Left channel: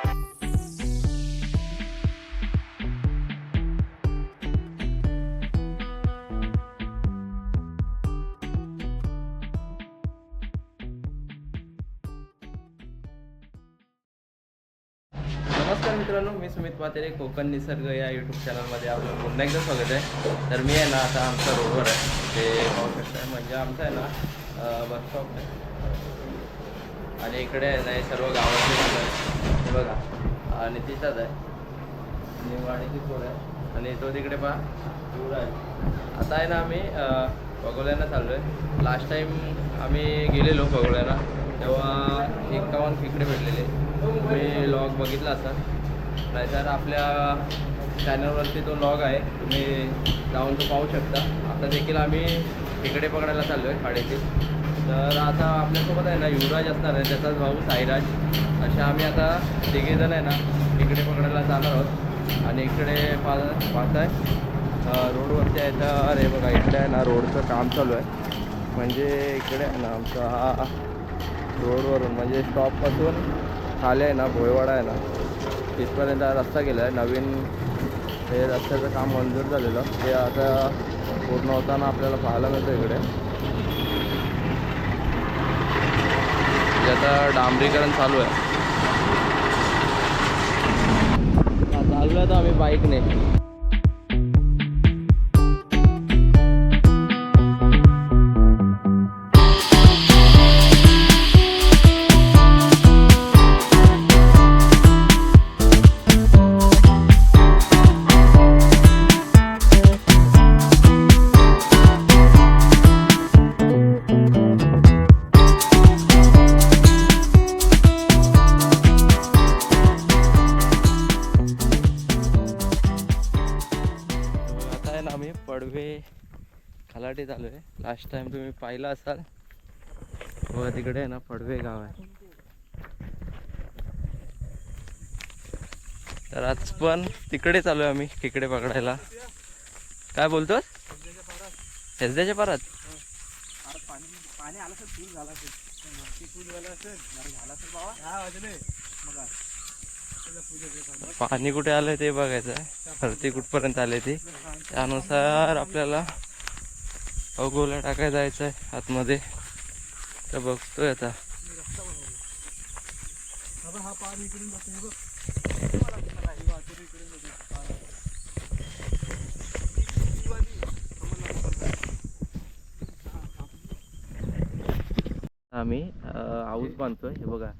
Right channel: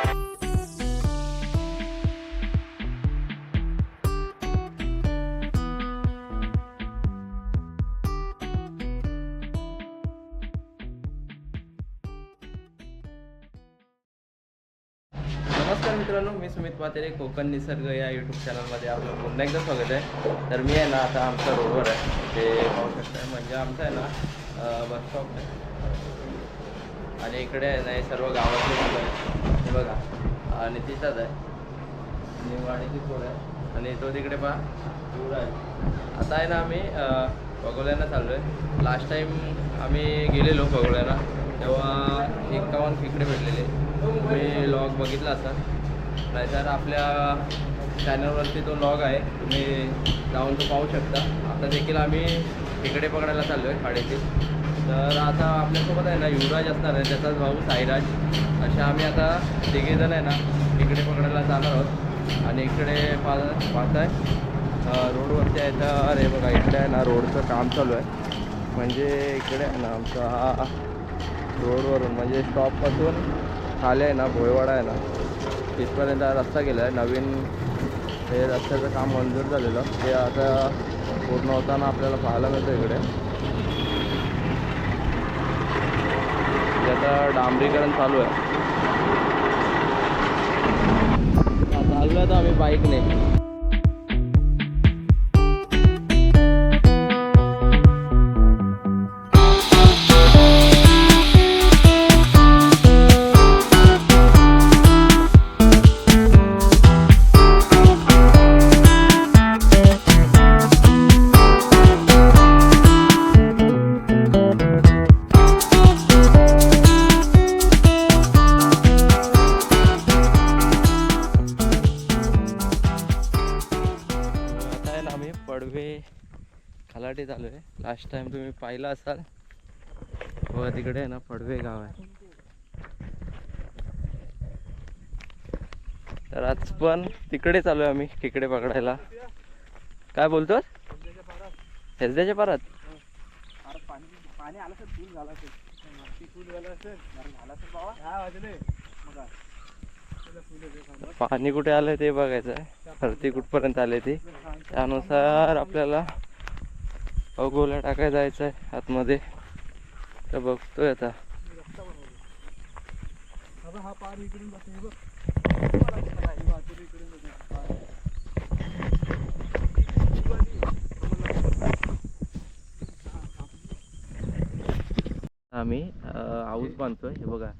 नमस्कार मित्रांनो, मी सुमित पातेरे. कोकण निसर्ग या यूट्यूब चॅनलमध्ये आपलं पुन्हा एकदा स्वागत आहे. तर मी आहे ना आता आमच्या रोडवर आहे, ते पाहू शकता. म्हणजे आमचं आहे ना बस स्टॉप आहे आणि इकडे आहे ना हे सर्व गावातले मुलं आहे. हे बघा आणि तिथंच आहे निवाडीची पोर आहे आणि तो तिकडे पहा दूर आहे. आता आहे ना आम्ही पगोल्याला चाललो आहे. लास्ट टाईम आम्ही गेलेलो पगोल्याला, तेव्हा 51 खेकडे भेटलेले. तुम्ही लॉग बघितला असाल, नाहीतर आपल्या चॅनलवरती तो लॉग आहे, तुम्ही जाऊन तो पाहू शकता. आता देखील आम्ही खेकडे पकडायला चाललो आहे खाडीचे. तर आता आपल्यासोबत आहे ना युवराज असणार आहे, त्याचाच भाऊ साईराज. अशा आम्ही आता तिघेजण आहे ना खेकडे पकडायला जाणार आहोत. आणि इकडे पाहताय रोडवरती आहे. तर अरे बघा इकडे आहे ना रोडचं काम चालू आहे. म्हणजे इकडे आहे ना आमचा हा रोडवरून म्हणजे स्टॉपपासून खाली आहे ना भोयवाडा आहे ना तिथपर्यंत रस्ता गेला आहे. नवीन हे रस्त्याचं काम मंजूर झालेलं, ते आता पूर्ण होताना आपल्याला पाहायला मिळतं. इकडे आता डांबरीकरण चालू आहे. चाललो आहे तर आम्ही बाईकने. आम्ही पडवे खलाटी चालू आहे. लास्ट टाइम तुम्ही पाहिलं असाल बघा, तिकडे आहे ना पडवे गाव आहे. तर आज पण तिकडे चालू आहे आम्ही खेकडे पकडायला. काय बोलतोस? हेसद्याच्या पारात पाणी कुठे आलंय ते बघायचं आहे. भरती कुठपर्यंत आले ते, त्यानुसार आपल्याला गोल्या टाकायला जायचं आहे आतमध्ये. तर बघतोय आता. आम्ही आऊस बांधतोय. हे बघा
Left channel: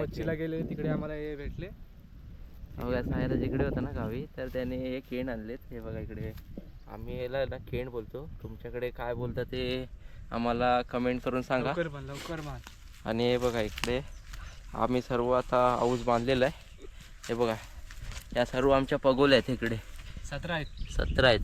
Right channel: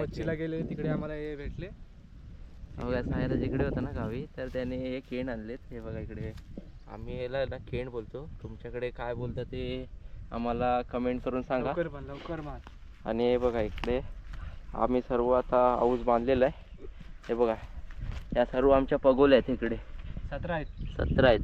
मच्छीला गेले तिकडे आम्हाला हे भेटले. बघा सायराज इकडे होता ना गावी, तर त्याने हे केण आणलेत. हे बघा इकडे आम्ही याला ना केण बोलतो. तुमच्याकडे काय बोलता ते आम्हाला कमेंट करून सांगा. लवकर मान. आणि हे बघा इकडे आम्ही सर्व आता आऊस बांधलेला आहे. हे बघा या सर्व आमच्या पगोल्या आहेत. इकडे 17 आहेत. 17 आहेत.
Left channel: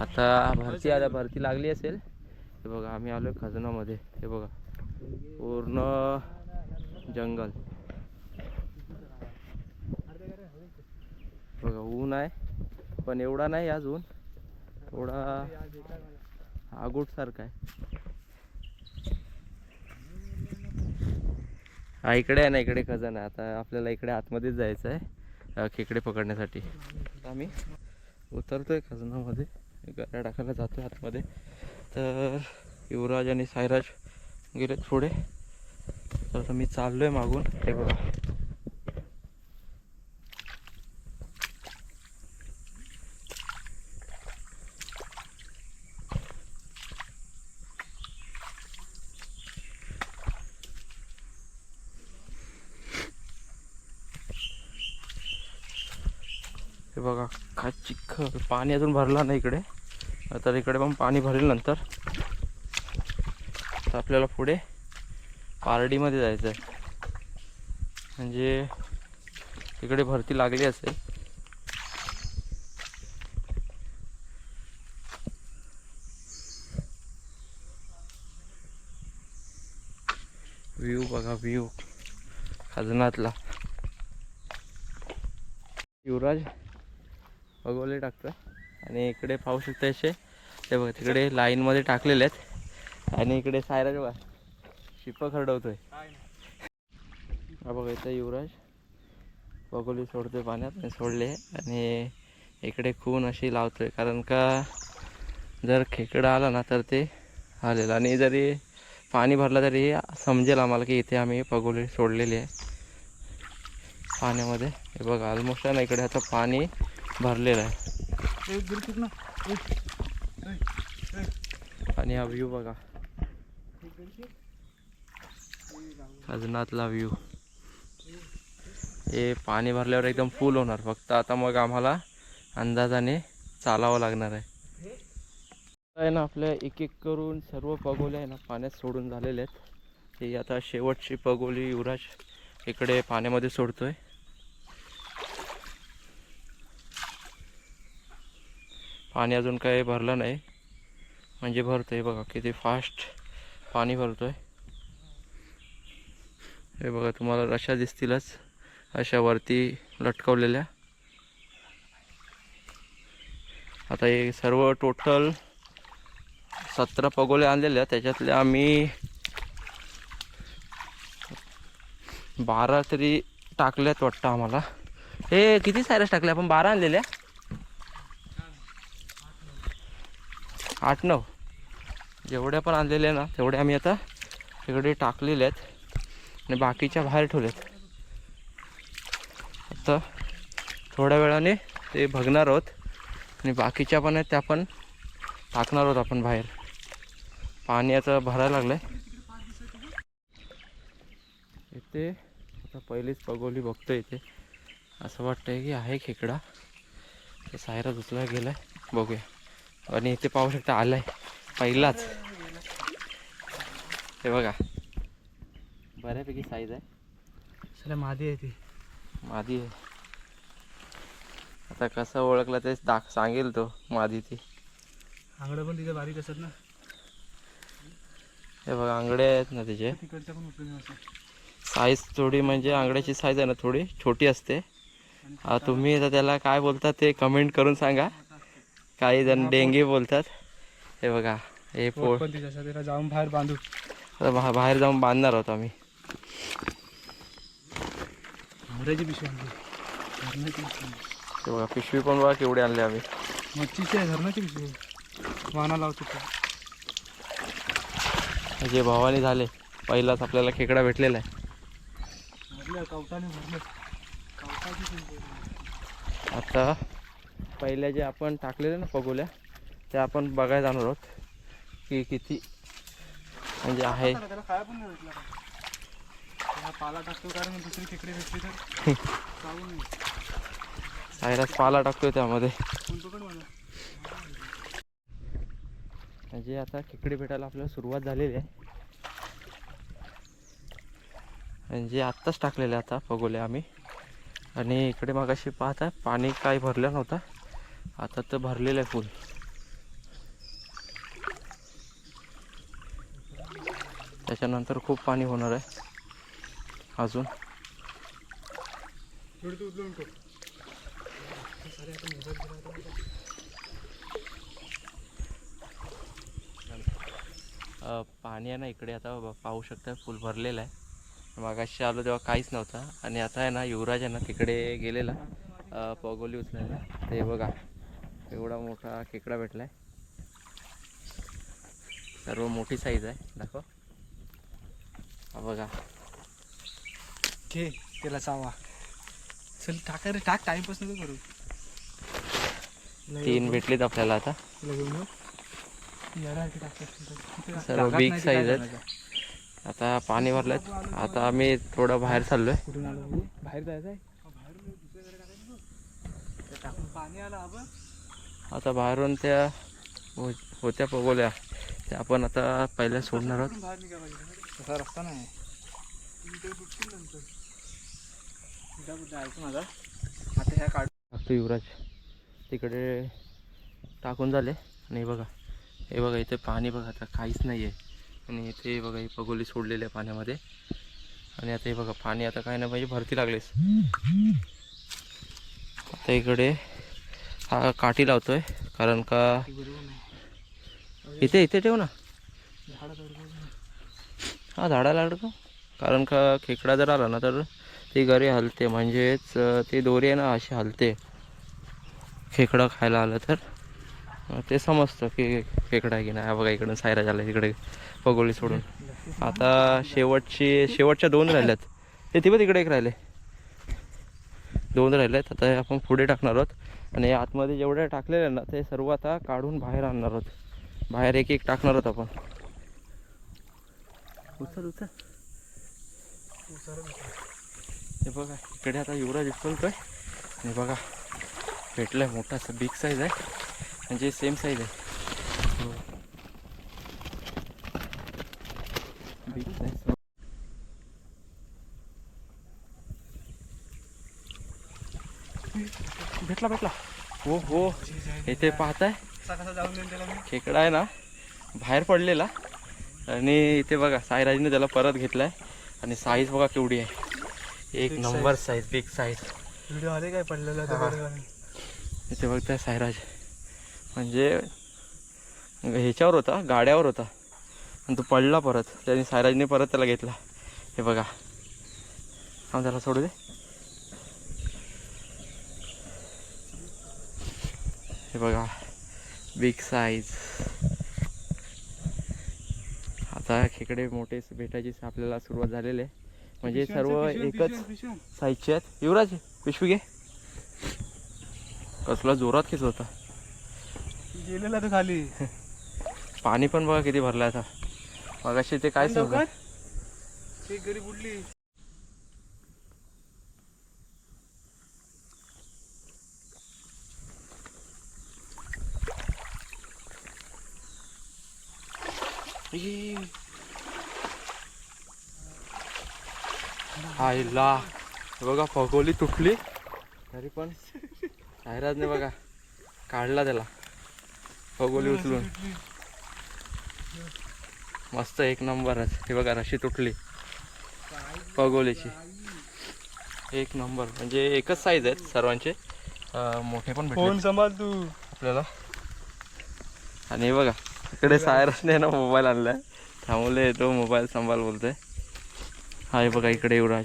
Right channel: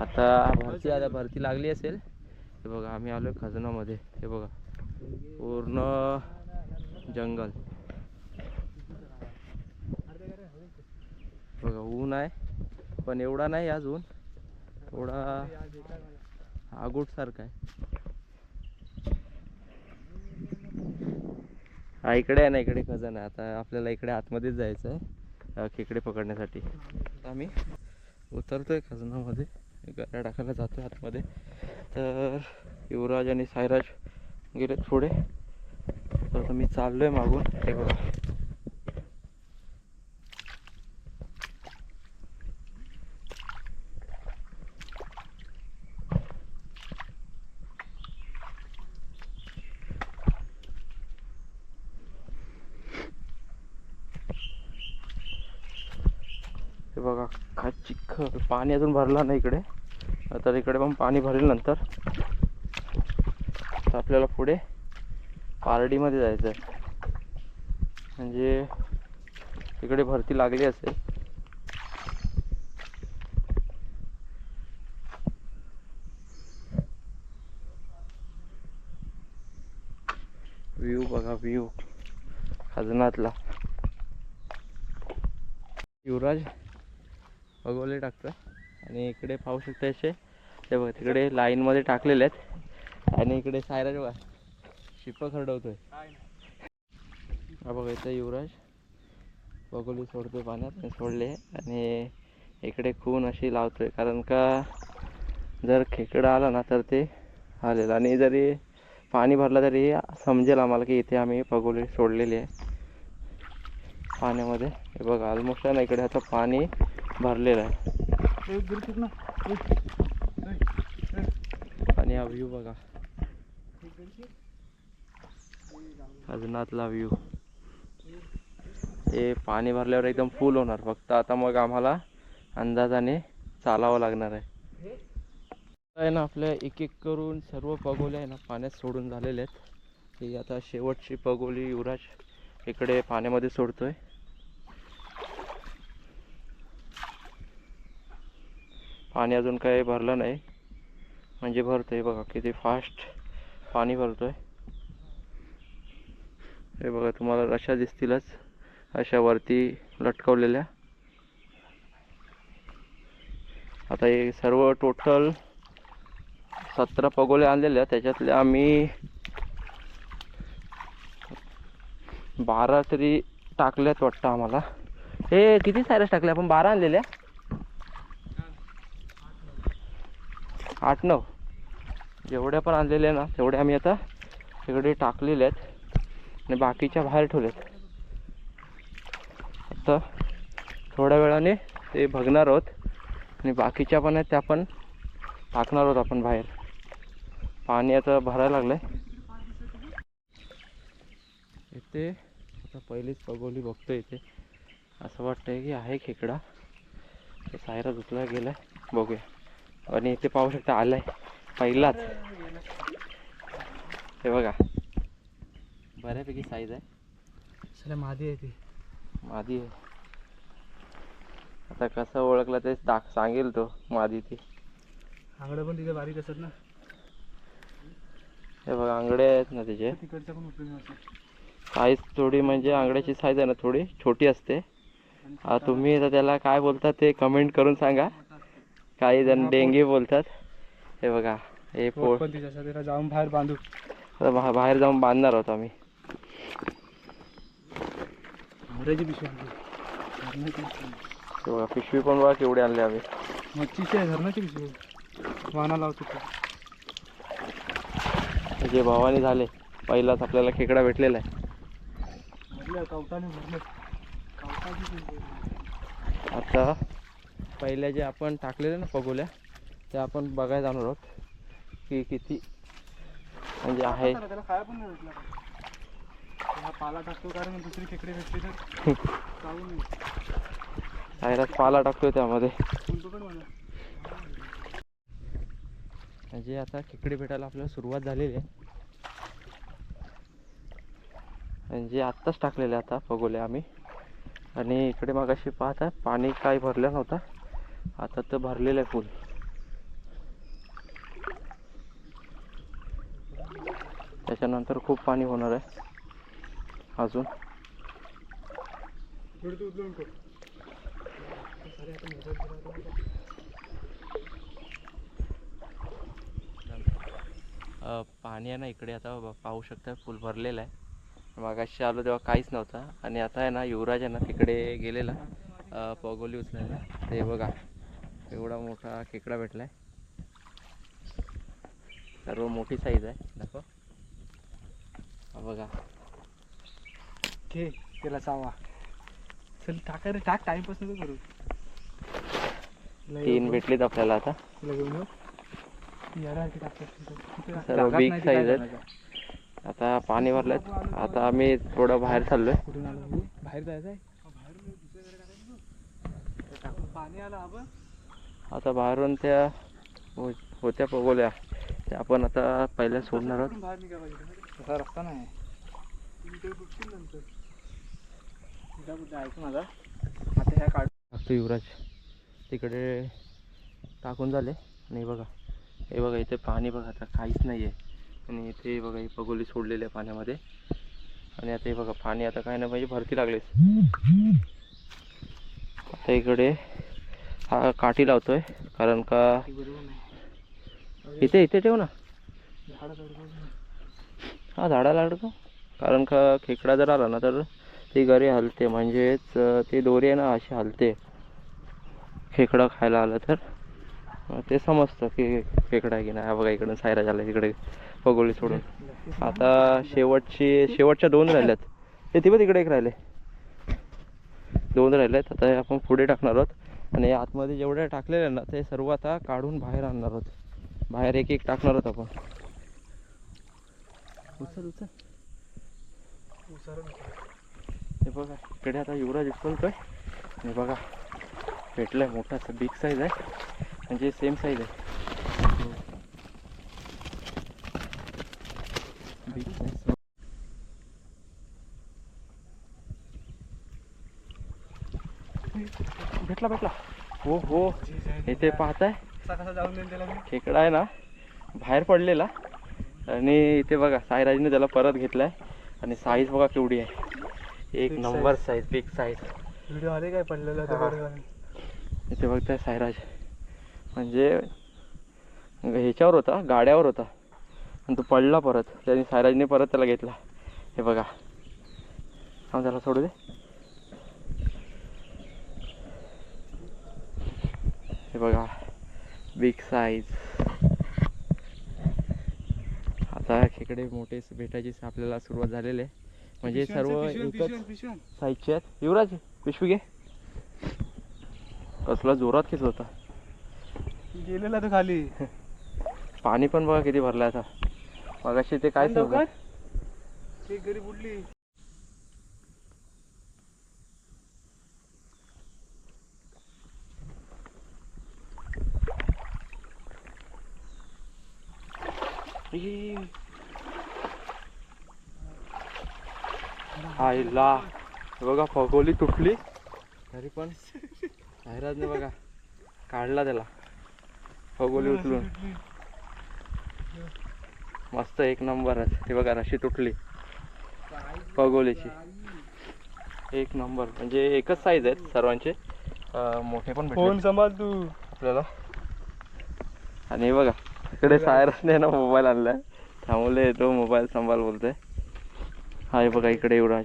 आता भरती लागली असेल. हे बघा आम्ही आलोय खजनामध्ये. हे बघा पूर्ण जंगल. बघा ऊन आहे पण एवढा नाही अजून, थोडा आगूट सारखा आहे. हा इकडे आहे ना, इकडे खजाना आहे. आता आपल्याला इकडे आतमध्येच जायचं आहे खेकडे पकडण्यासाठी. आम्ही उतरतोय खजनामध्ये, गरा टाकायला जातोय आतमध्ये. तर युवराज आणि साईराज गेले पुढे, तर आता मी चाललोय मागून. हे बघा हे बघा का चिखल. पाणी अजून भरला नाही इकडे, तर इकडे पण पाणी भरेल नंतर. तर आपल्याला पुढे पारडीमध्ये जायचं आहे. म्हणजे इकडे भरती लागली असेल. व्ह्यू बघा, व्ह्यू खजनातला. युवराज बघवले टाकतं आणि इकडे पाहू शकता असे. ते बघा तिकडे लाईनमध्ये टाकलेले आहेत. आणि इकडे सायराज बघा शिप खरडवतोय. काय नाही. हा बघा इथं युवराज पगोली सोडतोय पाण्यात आणि सोडले आणि इकडे खून अशी लावतोय, कारण का जर खेकडा आला ना तर ते आलेलं, आणि जरी पाणी भरलं तरी समजेल आम्हाला की इथे आम्ही पगोली सोडलेली आहे पाण्यामध्ये. हे बघा ऑलमोस्ट आहे ना इकडे आता पाणी भरलेलं आहे. आणि हा व्ह्यू बघा, अजूनातला व्ह्यू. हे पाणी भरल्यावर एकदम फुल होणार, फक्त आता मग आम्हाला अंदाजाने चालावं लागणार आहे ना. आपल्या एक एक करून सर्व पगोल्या आहे ना पाण्यात सोडून झालेले आहेत. ही आता शेवटची पगोली युवराज इकडे पाण्यामध्ये सोडतोय. पाणी अजून काही भरलं नाही, म्हणजे भरतोय बघा किती फास्ट पाणी भरतोय. हे बघा तुम्हाला रशा दिसतीलच अशा वरती लटकवलेल्या. आता हे सर्व टोटल 17 पगोले आणलेल्या, त्याच्यातले आम्ही 12 तरी टाकल्यात वाटतं आम्हाला. हे किती सायरस टाकले आपण? 12 आणलेल्या, 8-9 जेवढ्या पण आणलेल्या ना तेवढ्या आम्ही आता तिकडे टाकलेल्या आहेत आणि बाकीच्या बाहेर ठेवल्यात. आता थोड्या वेळाने ते बघणार आहोत आणि बाकीच्या पण आहेत त्या पण टाकणार आहोत आपण बाहेर. पाणी आता भरायला लागलं आहे इथे. आता पहिलीच पगोली बघतो इथे, असं वाटतंय की आहे खेकडा. तर सायरा दुसरा गेला आहे, बघूया. आणि इथे पाहू शकता आलाय पहिलाच. हे बघा बऱ्यापैकी साईज आहे. चला मादी आहे ती. मादी आहे. आता कसं ओळखलं ते सांगेल तो मादी ती. आंगडं पण तिथे बारीक असत ना. हे बघा आंगडे आहेत ना त्याचे. तिकडच्या पण उचलून साईज थोडी म्हणजे आंगड्याची साईज आहे ना थोडी छोटी असते. तुम्ही आता त्याला काय बोलतात ते कमेंट करून सांगा. काही जण डेंगी बोलतात. हे बघा हे त्याला जाऊन बाहेर बांधू. बाहेर जाऊन बांधणार आहोत आम्ही. पिशवी हे बघा पिशवी पण बघा केवढी आणली आम्ही. मच्छीची आहे, धरणाची पिशवी. वाना लावतो जे भावाने झाले पहिलाच आपल्याला खेकडा भेटलेला आहे. आता पहिल्या जे आपण टाकलेले ना पगोल्या त्या आपण बघायला जाणार आहोत की किती म्हणजे आहे. त्याला खाया पण नाही भेटला. पाला टाकतो कारण दुसरी खेकडे भेटली तर चालू नाही. सायरास पाला टाकतोय त्यामध्ये. म्हणजे आता खेकडे भेटायला आपल्याला सुरुवात झालेली आहे. म्हणजे आत्ताच टाकलेले आता पगोले आम्ही. आणि इकडे मग अशी पाहता पाणी काही भरलं नव्हतं, आता तर भरलेलं आहे फुल. त्याच्यानंतर खूप पाणी होणार आहे अजून. पाणी आहे ना इकडे आता पाहू शकता फुल भरलेलं आहे. मागाशी आलो तेव्हा काहीच नव्हतं आणि आता आहे ना युवराज आहे ना तिकडे गेलेला पगोली उचलायला. ते बघा एवढा मोठा खेकडा भेटलाय. सर्व मोठी साईज आहे. दाखव हा बघा. घे त्याला चावा. चल टाका रे, टाक. टाइमपास नको करू. 3 भेटलेत आपल्याला आता. सर्व सर्व बिग साईज आहेत. आता पाणी भरलेत. आता आम्ही थोडं बाहेर चाललोय. कुठून आलो? बाहेर जायचं आहे. पाणी आलं आपण. आता बाहेरून त्या होत्या पगोल्या त्या आपण आता पहिल्या सोडणार आहोत. बाहेर निघायला तसा रस्ता नाही. ऐकू माझा. आता ह्या टाकतो युवराज तिकडे टाकून झाले. आणि बघा हे बघा इथे पाणी बघा आता काहीच नाही आहे. आणि इथे बघा ही पगोली सोडलेली आहे पाण्यामध्ये. आणि आता हे बघा पाणी आता काय नाही म्हणजे भरती लागलेस. आता इकडे हा काठी लावतोय कारण का इथे ठेव ना. हा झाडाला अडकव, कारण का खेकडा जर आला ना तर ती गरी हलते, म्हणजेच ती दोरी आहे ना अशी हलते खेकडा खायला आलं तर. ते समजतं की खेकडा आहे की नाही. हा बघा इकडून सायराज आला तिकडे पगोली सोडून. आता शेवटच्या 2 राहिल्यात. ते तिकडे एक राहिले, 2 राहिलेत. आता हे आपण पुढे टाकणार आहोत आणि आतमध्ये जेवढे टाकलेले ना ते सर्व आता काढून बाहेर आणणार आहोत. बाहेर एक एक टाकणार आहोत आपण. उचल उचल. हे बघा इकडे आता युवराज उचलतोय. हे बघा भेटलाय मोठा बिग साईज आहे, म्हणजे सेम साईज आहे. बिग साईज भेटला. हो हो. इथे पाहताय कसा जाऊन देईन त्याला मी. खेकडा आहे ना बाहेर पडलेला, आणि इथे बघा साईराजने त्याला परत घेतलाय. आणि साईज बघा केवढी आहे, एक Big number size, big size. Video आले काय पडलेला इथे बघताय साईराज, म्हणजे ह्याच्यावर होता, गाड्यावर होता आणि तो पडला परत. त्याने साईराजने परत त्याला घेतला. हे बघा, हा त्याला सोडू दे. हे बघा बिग साईज. आता खेकडे मोठे भेटायची आपल्याला सुरुवात झालेली आहे, म्हणजे सर्व एकच साईजचे आहेत. युवराज पिशवी घे. कसला जोरात खेच होता, गेलेला तो खाली. पाणी पण बघा किती भरलं आता. मगाशी ते काय सांगू, एक गरी बुडली. आईला बघा फगोली तुटली तरी पण सायराजने बघा काढला त्याला फगोली उचलून. मस्त एक नंबरच. हे बघा रशी तुटली फगोलीची, एक नंबर. म्हणजे एकच साईज आहेत सर्वांचे, मोठे पण भेटले फोन सांभाळ तू आपल्याला. आणि हे बघा इकडे सायराजने ना मोबाईल आणलाय, थांबवले तो मोबाईल सांभाळ बोलतोय. हा हे बघा इकडे युवराज.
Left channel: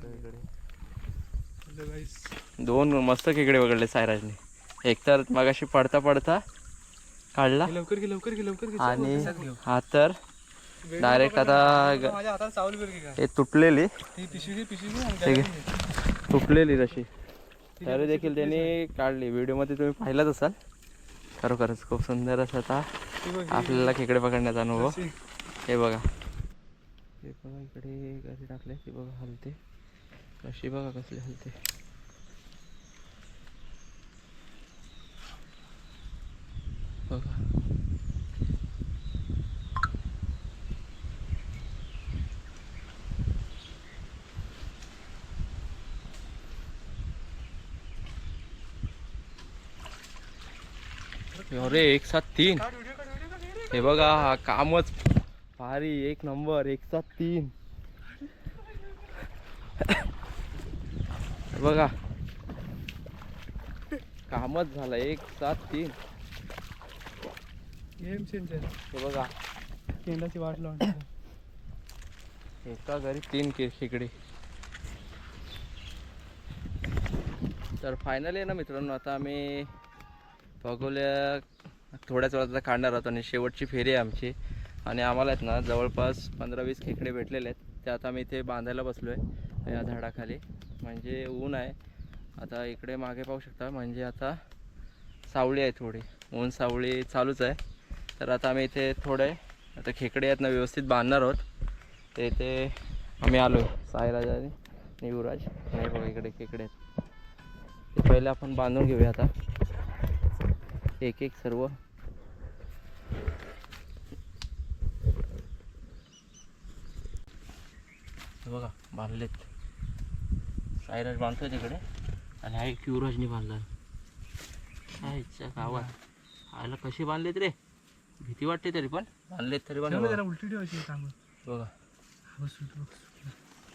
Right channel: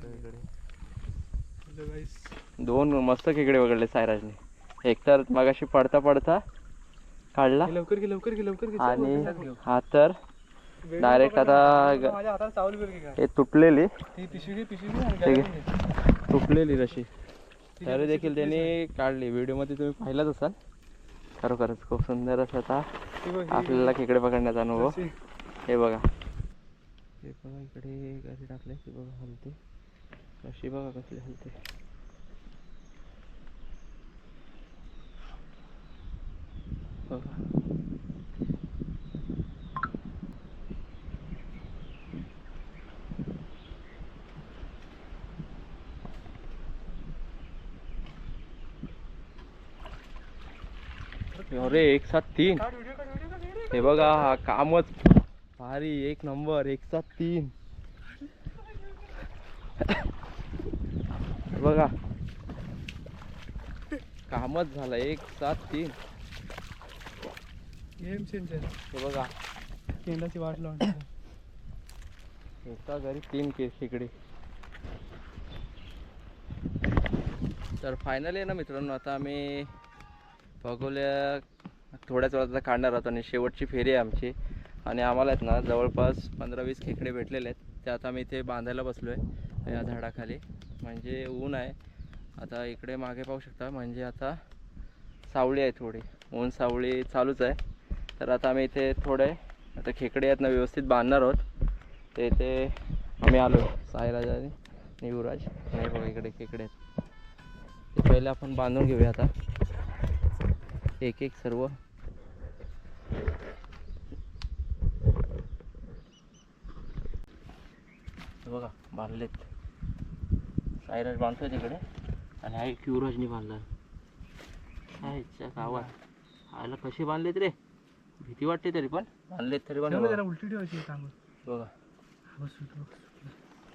इकडे 2 मस्त खेकडे वगळले सायराजने. एक तर मगाशी पडता पडता काढला, लवकर घे. आणि हा तर डायरेक्ट आता माझ्या हातात सावली बरं की काय. हे तुटलेली ती पिशवी घे. तुटलेली रशी तरी देखील त्यांनी काढली. व्हिडिओमध्ये तुम्ही पाहिलाच असाल. खरोखरच खूप सुंदर असं आता आपल्याला खेकडे पकडण्याचा अनुभव. हे बघा, हे बघा इकडे घरी टाकले की बघा हलते कशी, बघा कसली हलते. बघा अरे 1 7 3. हे बघा हा कामच भारी, एक नंबर. 1 7 3 बघा कामच झालं. 1 7 3. Game changer. हे बघा केंडाची वाट लावून एका घरी 3 खेकडे. तर फायनली आहे ना मित्रांनो, आता आम्ही फगोल्या थोड्याच वेळात आता काढणार आहोत आणि शेवटची फेरी आहे आमची. आणि आम्हाला आहेत ना जवळपास 15-20 खेकडे भेटलेले आहेत. ते आता आम्ही इथे बांधायला बसलो आहे या झाडाखाली, म्हणजे ऊन आहे. आता इकडे मागे पाहू शकता, म्हणजे आता सावली आहे थोडी, ऊन सावली चालूच आहे. तर आता आम्ही इथे थोडे आता खेकडे आहेत ना व्यवस्थित बांधणार आहोत. ते इथे आम्ही आलो सायराज आणि युवराज. नाही बघा इकडे खेकडे आहेत, ते पहिले आपण बांधून घेऊया आता एक एक सर्व. बघा बांधलेत, सायराज बांधतोय तिकडे आणि हा एक युवराजने बांधला. आईच्या गावात आयला कशी बांधलेत रे, भीती वाटते तरी पण बांधलेत तरी पण. उलटी ठेवायची काम. बघा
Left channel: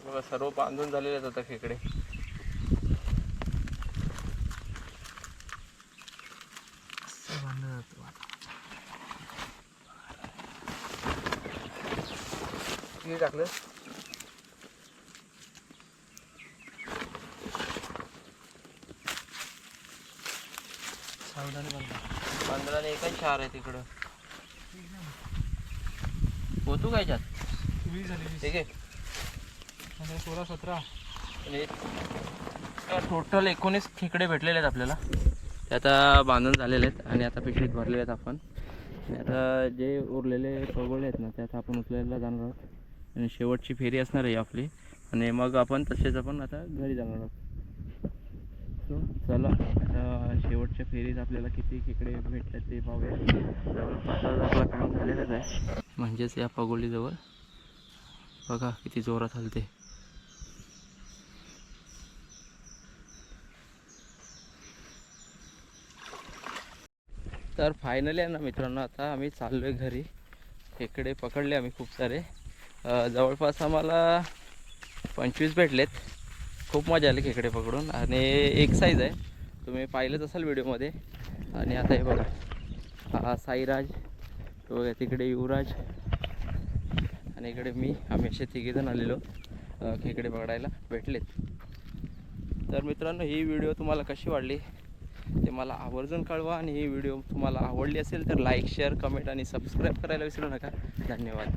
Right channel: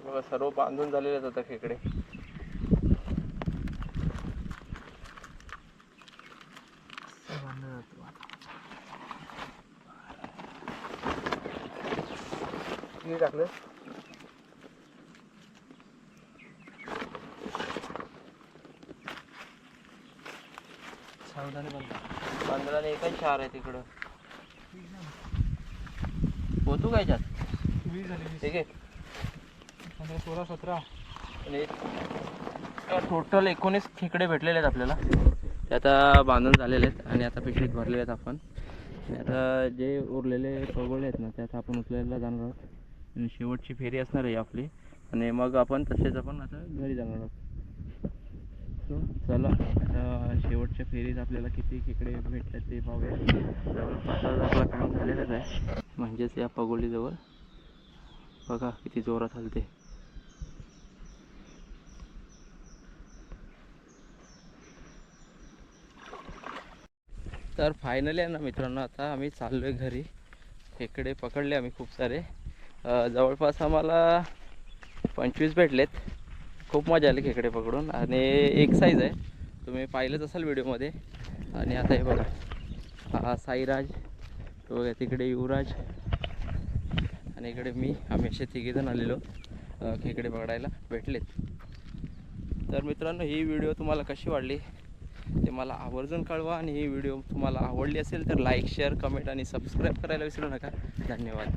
बघा सर्व बांधून झालेले आहेत आता खेकडे. किती टाकलं? सावधानी बंद. 15 ने एकच 4 आहे तिकडं. होतो काय याच्यात? 20 झाली 20. ठीक आहे. 15, 16, 17. टोटल 19 खेकडे भेटलेले आहेत आपल्याला. ते आता बांधून झालेले आहेत आणि आता पिशवीत भरलेले आहेत आपण. आणि आता जे उरलेले पगोळे आहेत ना ते आता आपण उचलायला जाणार आहोत आणि शेवटची फेरी असणार आहे आपली. आणि मग आपण तसेच आपण आता घरी जाणार आहोत. सो चला आता शेवटच्या फेरीत आपल्याला किती खेकडे भेटतात ते पाहूया. जवळपास आपला काम झालेलंच आहे. म्हणजेच या पगोलीजवळ बघा किती जोरात हलते. तर फायनली आहे ना मित्रांनो, आता आम्ही चाललो आहे घरी. खेकडे पकडले आम्ही खूप सारे. जवळपास आम्हाला 25 भेटलेत. खूप मजा आली खेकडे पकडून आणि एक साईज आहे, तुम्ही पाहिलंच असाल व्हिडिओमध्ये. आणि आता हे बघा, हा साईराज, तो बघा तिकडे युवराज आणि इकडे मी. आम्ही असे तिघेजण आलेलो खेकडे पकडायला. भेटलेत. तर मित्रांनो, ही व्हिडिओ तुम्हाला कशी वाटली ते मला आवर्जून कळवा. आणि ही व्हिडिओ तुम्हाला आवडली असेल तर लाईक, शेअर, कमेंट आणि सबस्क्राईब करायला विसरू नका. धन्यवाद.